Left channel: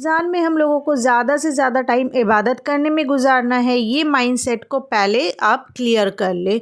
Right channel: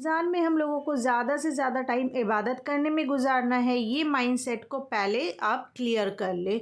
रमज़ान में हम लोगों को ज़्यादा से ज़्यादा टाइम इबादत करने में गुजारना है, ये माइंडसेट को पहले आप क्लियर कर लें।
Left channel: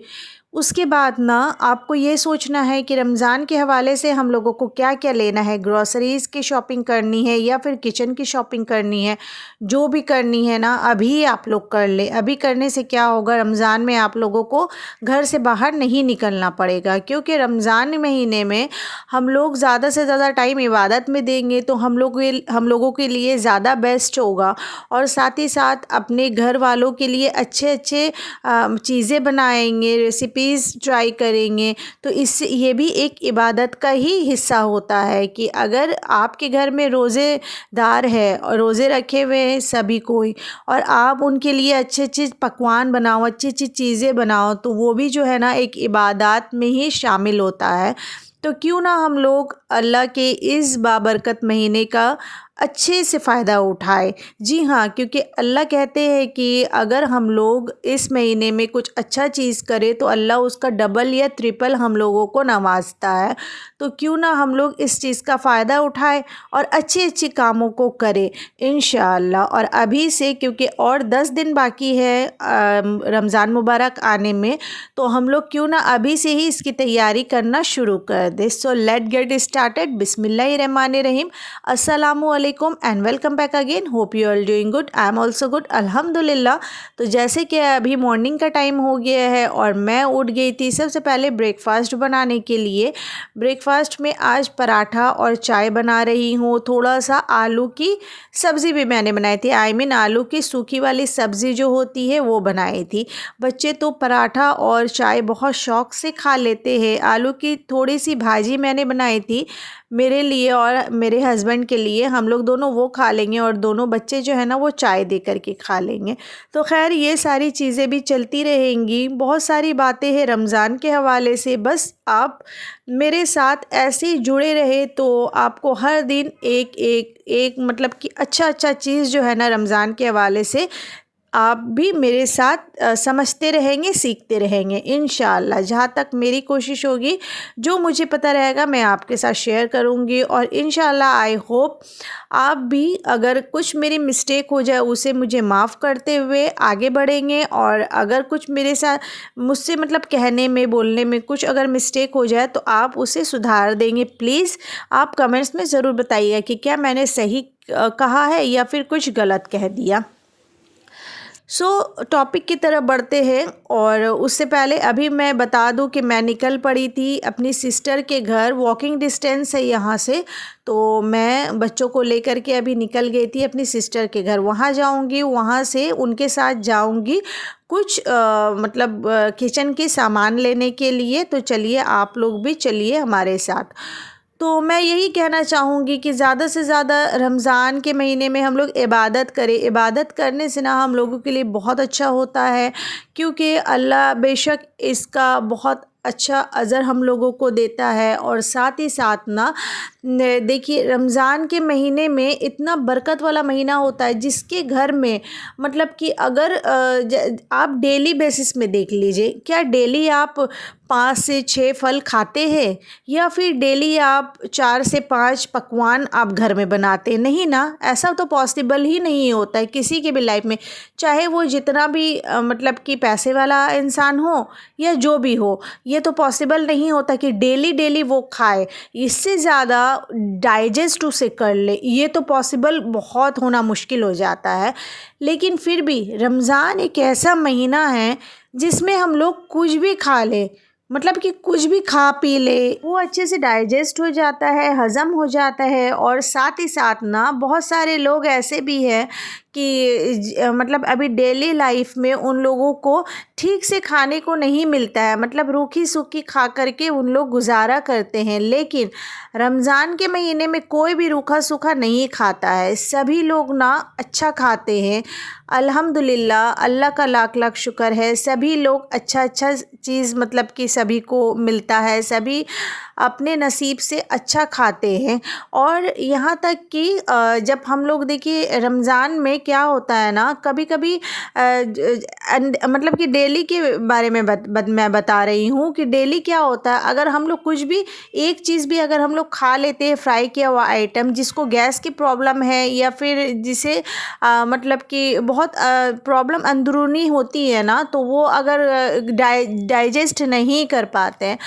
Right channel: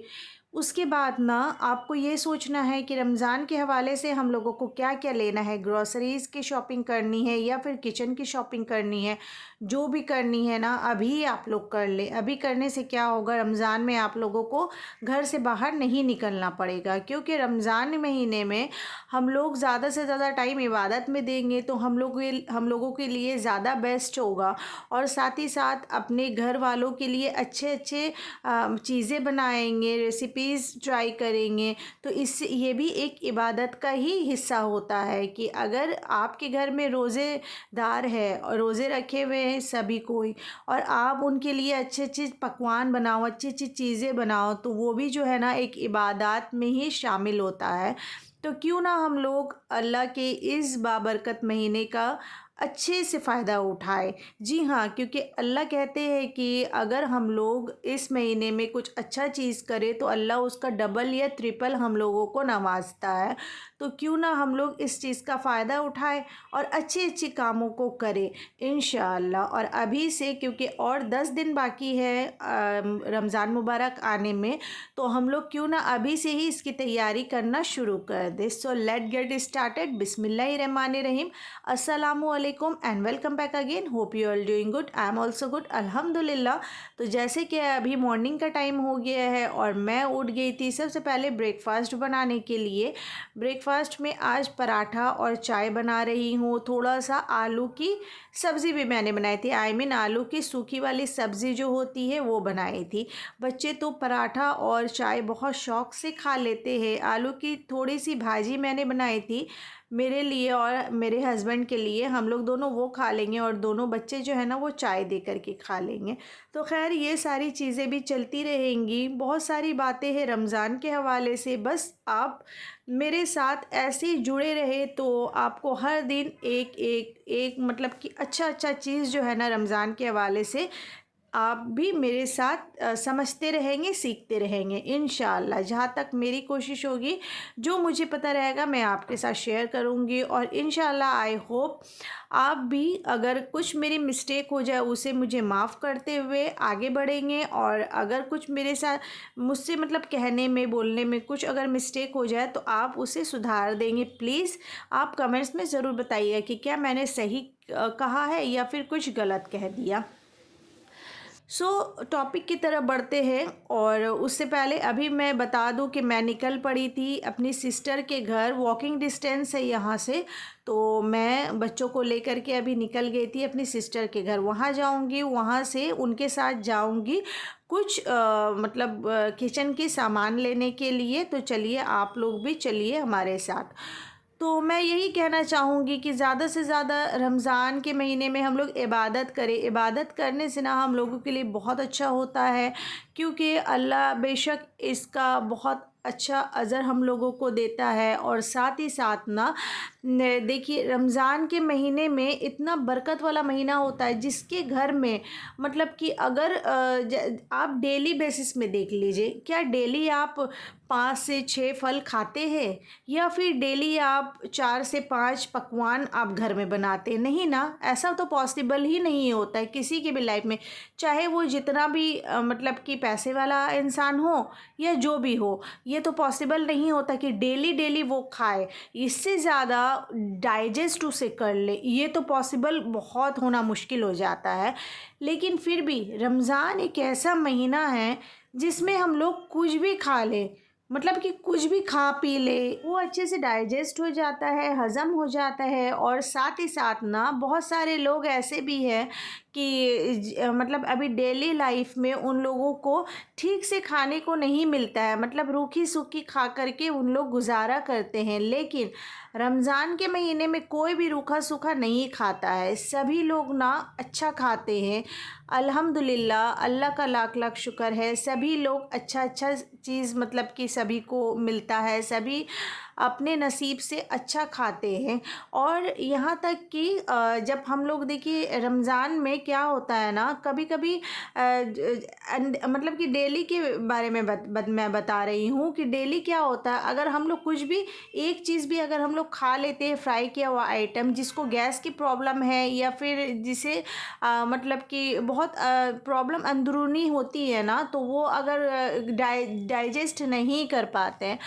उसके बाद ना आपको ये सोचना है कि रमज़ान के हवाले से हम लोगों को क्या-क्या लेना है, ग्रोसरीज़ की शॉपिंग करनी है या फिर किचन की शॉपिंग करनी है। जो भी करनी है ना अभी आप लोग कर लें। अभी करने से क्या होगा, रमज़ान में आप लोगों को घर से बाहर नहीं निकलना पड़ेगा, क्योंकि रमज़ान महीने में हम लोग ज़्यादा से ज़्यादा टाइम इबादत में देंगे तो हम लोगों के लिए ज़्यादा बेस्ट होगा। और साथ ही साथ अपने घर वालों के लिए अच्छे-अच्छे चीज़ें बनाएँगे, रेसिपीज़ ट्राई करेंगे। तो इससे ये भी एक इबादत का ही हिस्सा होता है कि अगर आपके घर में रोज़ेदार है और रोज़े रखे हुए हैं सभी कोई, और आप उनके लिए अच्छे-अच्छे पकवान बनाओ, अच्छी-अच्छी चीज़ें बनाओ, तो वो भी जो है ना एक इबादत में ही शामिल होता है। तो क्यों ना हम लोग अल्लाह के इस बाबरकत महीने का अच्छे से फ़ायदा उठाएँ। जी हाँ, क्योंकि अल्लाह कहते हैं कि अगर हम लोग इस महीने में कुछ अच्छा चीज़ करें तो अल्लाह उसका डबल या ट्रिपल हम लोगों को नवाज़ता है। तो क्यों ना हम लोग इस चीज़ का फ़ायदा उठाएँ और अच्छे-अच्छे कामों को करें इंशाअल्लाह। और अभी से, क्योंकि और 10 दिन बाकी है रमज़ान मुबारक आने में, तो हम लोग क्यों ना अभी से ही इसकी तैयारी करना शुरू कर दें। So let get started. बिस्मिल्लाहिर्रहमानिर्रहीम। अस्सलामु अलैकुम and welcome back again. Hope you are doing good. I am also good अल्हम्दुलिल्लाह। तो जैसे कि अभी मॉर्निंग का टाइम हो गया है और मैं उठ गई थी सबसे पहले ब्रेकफास्ट बनाने के लिए। ब्रेकफास्ट में आज पराठा और चाय बना रही हूँ। थोड़ा सा आलू की सब्ज़ी भी मैंने बनाई थी, आई मीन आलू की सूखी वाली सब्ज़ी जो होती है वो बनाई थी। बच्चे तो पराठा और चाय बहुत शौक़ से खा लेते हैं। आलू की थोड़ी सी भाजी मैंने बनाई थी मेरे लिए और मेरे हस्बैंड के लिए। हम लोग दोनों वो खा लेंगे और दोनों बच्चे जो है ना वो चाय दे कर के खा लेंगे। तो खैर ये सारी चीज़ें भी चलती रहेंगी। बहुत सारी बातें हैं रमज़ान के हवाले से, बस आप मेरे साथ ऐसे ही जुड़े रहे तो आपको हर दिन एक मतलब कि अच्छा चीज़ जो है ना रमज़ान के हवाले से आप भी मेरे साथ समझते रहेंगे, सीखते रहेंगे इंशाअल्लाह। जहाँ तक मेरी कोशिश होगी, जो मुझे पता रहेगा मैं आपके साथ शेयर करूँगी। और इंशाअल्लाह आई होप आप भी अगर कुछ मेरी मिस्टेक हो जाए उसे मुझे माफ़ करते हुए आगे बढ़ेंगे। और अगर कुछ मेरे साथ मुझसे मतलब कहने में बोलने में कुछ अगर मिस्टेक हो जाए तो आप उसे सुधार देंगे। प्लीज़ आप कमेंट्स में ज़रूर बताइए कि क्या मैंने सही कहा है या फिर कुछ गलत कह दिया। टॉपिक की तरफ बढ़ते हैं। और उससे पहले अभी मैं बता दूं कि मैं निकल पड़ी थी अपनी सिस्टर के घर। वॉकिंग डिस्टेंस है यहाँ से, तो मैं बच्चों को लेकर के अभी निकल गई थी अपनी सिस्टर के घर। वहाँ जाऊँगी, वहाँ से उनके साथ जाऊँगी कुछ मतलब किचन के सामान लेने के लिए। तो चलिए आप लोग भी चलिए हमारे साथ। तो मैं यही कहना चाहूँगी कि ज़्यादा से ज़्यादा रमज़ान के महीने में हम लोग इबादत करें। इबादत करने से ना हम लोगों के लिए बहुत अच्छा होता है, क्योंकि अल्लाह बेशक इसका बहुत अच्छा अज़र हम लोगों को देता है। और साथ ही साथ ना देखिए रमज़ान के महीने में इतना बरकत वाला महीना होता है जिसके घर में मतलब कि अगर आप डेली बेसिस में देख लीजिए, क्या डेली आप 5 से 6 फल खाते हैं या फिर डेली आप 4 से 5 पकवान आप घर में बनाते हैं? नहीं ना, ऐसा तो पॉसिबल ही नहीं होता है किसी के भी लाइफ में, चाहे वो जितना भी मतलब कि पैसे वाला इंसान हो या जो भी हो। ये तो पॉसिबल नहीं होता कि डेली वो खाए। इससे ज़्यादा डाइजेस्ट उसे कर ले, ये तो पॉसिबल बहुत होना मुश्किल हो जाता है। लेकिन फिर भी रमज़ान एक ऐसा महीना है जिसमें हम लोग कुछ भी खा लें, मतलब कि कुछ भी खा पी ले, वो अच्छे से डाइजेस्ट हो जाता है, हज़म हो जाता है। और साथ ही साथ ना बहुत सारे लोग ऐसे भी हैं कि मतलब अभी डेली लाइफ में उन लोगों को ठीक से खाने को नहीं मिलता है, मतलब रूखी सूखी खा करके उन लोग गुजारा करते हैं। लेकिन रमज़ान के महीने में कोई भी रूखा सूखा नहीं खाता है, सभी लोग ना अच्छा खाते हैं। अल्हम्दुलिल्लाह, अल्लाह का लाख लाख शुक्र है, सभी लोग अच्छा चीज़ मतलब कि सभी को मिलता है। सभी अपने नसीब से अच्छा खाते हैं। और यहाँ तक कि जब हम लोग देखिए रमज़ान में क्या होता है ना, कभी कभी मतलब कि डेली के बारे में मैं बता रही हूँ कि डेली क्या होता है, अगर हम लोग कुछ भी एक चीज़ भी अगर हम लोग खा लेते हैं फ्राई किया हुआ आइटम, जिसको गैस की प्रॉब्लम है या फिर जिसे मतलब कि बहुत प्रॉब्लम अंदरूनी होती है ना, तो वो अगर डाइजेस्ट नहीं कर पाते हैं,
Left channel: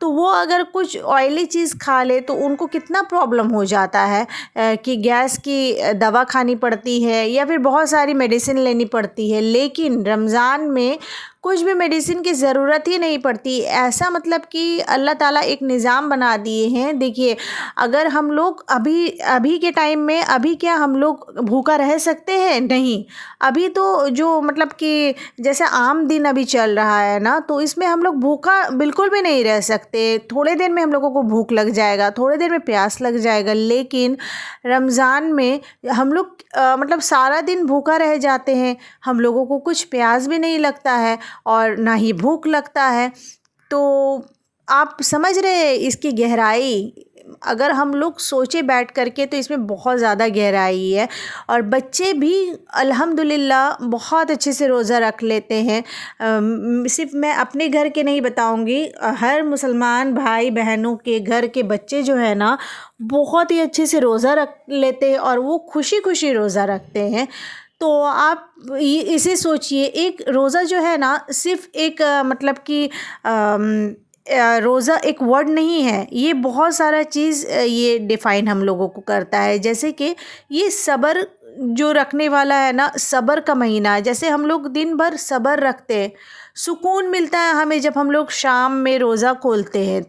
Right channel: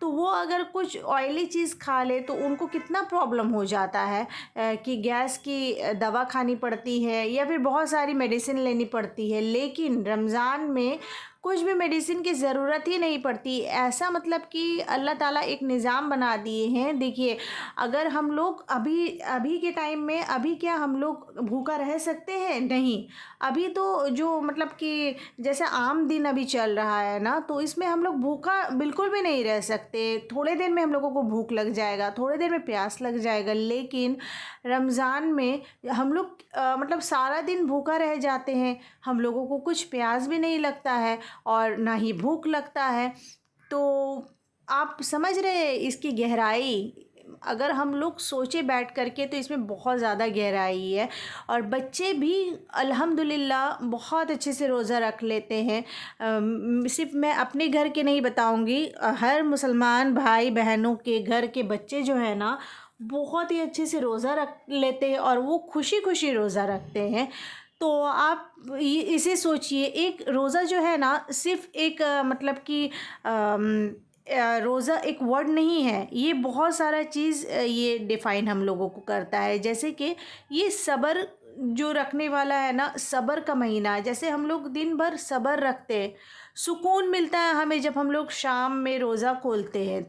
तो वो अगर कुछ ऑयली चीज़ खा ले तो उनको कितना प्रॉब्लम हो जाता है कि गैस की दवा खानी पड़ती है या फिर बहुत सारी मेडिसिन लेनी पड़ती है। लेकिन रमज़ान में कुछ भी मेडिसिन की ज़रूरत ही नहीं पड़ती। ऐसा मतलब कि अल्लाह ताला एक निज़ाम बना दिए हैं। देखिए, अगर हम लोग अभी अभी के टाइम में अभी क्या हम लोग भूखा रह सकते हैं? नहीं। अभी तो जो मतलब कि जैसे आम दिन अभी चल रहा है ना, तो इसमें हम लोग भूखा बिल्कुल भी नहीं रह सकते। थोड़े देर में हम लोगों को भूख लग जाएगा, थोड़े देर में प्यास लग जाएगा। लेकिन रमज़ान में हम लोग मतलब सारा दिन भूखा रह जाते हैं, हम लोगों को कुछ प्यास भी नहीं लगता है और ना ही भूख लगता है। तो आप समझ रहे हैं इसकी गहराई? अगर हम लोग सोचे बैठ कर के तो इसमें बहुत ज़्यादा गहराई है। और बच्चे भी अल्हम्दुलिल्लाह बहुत अच्छे से रोज़ा रख लेते हैं। सिर्फ़ मैं अपने घर के नहीं बताऊंगी, हर मुसलमान भाई बहनों के घर के बच्चे जो है ना, बहुत ही अच्छे से रोज़ा रख लेते हैं और वो खुशी खुशी रोज़ा रखते हैं। तो आप इसे सोचिए, एक रोज़ा जो है ना सिर्फ़ एक मतलब कि रोज़ा एक वर्ड नहीं है, ये बहुत सारा चीज़ ये डिफ़ाइन हम लोगों को करता है। जैसे कि ये सब्र जो रखने वाला है ना, सब्र का महीना है। जैसे हम लोग दिन भर सब्र रखते हैं, सुकून मिलता है हमें जब हम लोग शाम में रोज़ा खोलते हैं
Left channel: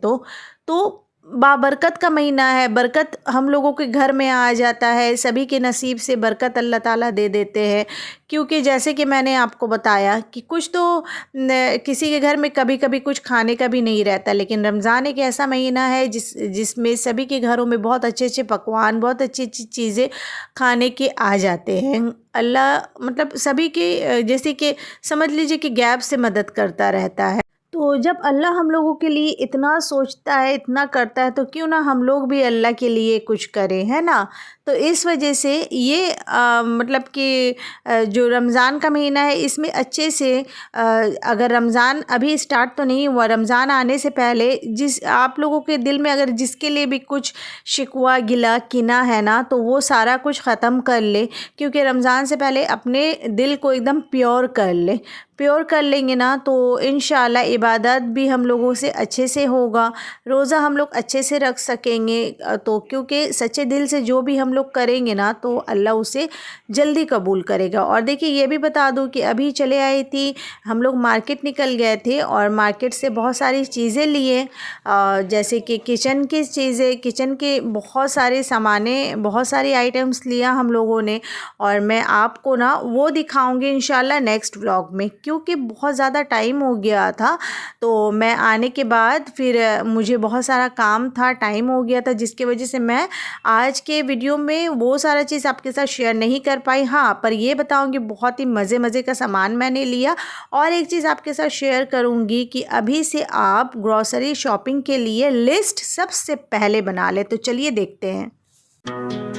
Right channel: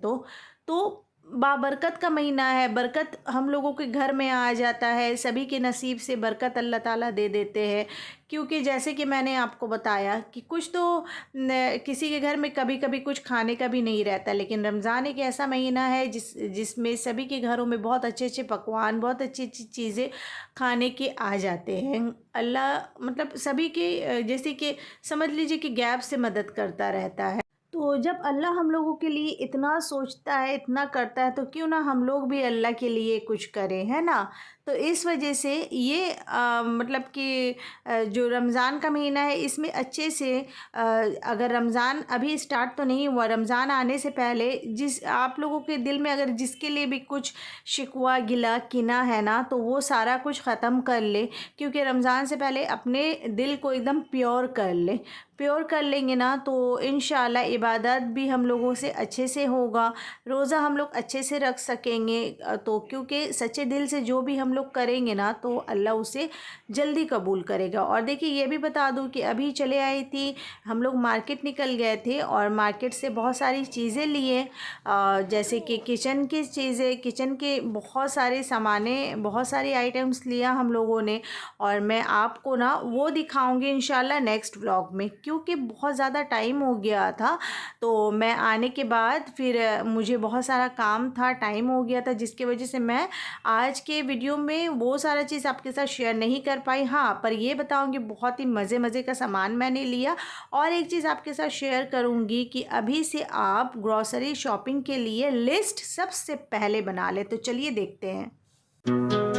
तो बाबरकत का महीना है। बरकत हम लोगों के घर में आ जाता है, सभी के नसीब से बरकत अल्लाह ताला दे देते हैं। क्योंकि जैसे कि मैंने आपको बताया कि कुछ तो किसी के घर में कभी कभी कुछ खाने का भी नहीं रहता, लेकिन रमज़ान एक ऐसा महीना है जिसमें सभी के घरों में बहुत अच्छे अच्छे पकवान, बहुत अच्छी अच्छी चीज़ें खाने के आ जाते हैं। अल्लाह मतलब सभी के जैसे कि समझ लीजिए कि गैप से मदद करता रहता है। तो जब अल्लाह हम लोगों के लिए इतना सोचता है, इतना करता है, तो क्यों ना हम लोग भी अल्लाह के लिए कुछ करें, है ना? तो इस वजह से ये मतलब कि जो रमज़ान का महीना है इसमें अच्छे से अगर रमज़ान अभी स्टार्ट तो नहीं हुआ, रमज़ान आने से पहले जिस आप लोगों के दिल में अगर जिसके लिए भी कुछ शिकवा गिला किना है ना, तो वो सारा कुछ ख़त्म कर ले। क्योंकि रमज़ान से पहले अपने दिल को एकदम प्योर कर ले। प्योर कर लेंगे ना तो इंशाल्लाह इबादत भी हम लोगों से अच्छे से होगा, रोज़ा हम लोग अच्छे से रख सकेंगे। तो क्योंकि सच्चे दिल से जो भी हम लोग करेंगे ना, तो अल्लाह उसे जल्दी कबूल करेगा। और देखिए ये भी बता दूं कि अभी चले आई थी, हम लोग मार्केट निकल गए थे और मार्केट से बहुत सारी चीज़ें लिए, जैसे कि किचन की चीज़ें, किचन के बहुत सारे सामाने, बहुत सारी आइटम्स लिया हम लोगों ने। और मैं आपको ना वो दिखाऊंगी इंशाल्लाह नेक्स्ट व्लॉग में, क्योंकि बहुत ज़्यादा टाइम हो गया था। तो मैं आने के बाद फिर मुझे बहुत सारा काम था, टाइम हो गया था, जिसकी वजह से मैं आज के वीडियो में वो सारा चीज़ आपके साथ शेयर नहीं कर पाई। हाँ, पर ये बताऊंगी बहुत ही मज़े मज़े का सामान मैंने लिया। और एक चीज़ आपके साथ शेयर करूंगी कि अभी से आप ग्रॉसरी शॉपिंग के लिए लिस्ट सबसे पहले बना ले। तो चलिए देखते हैं।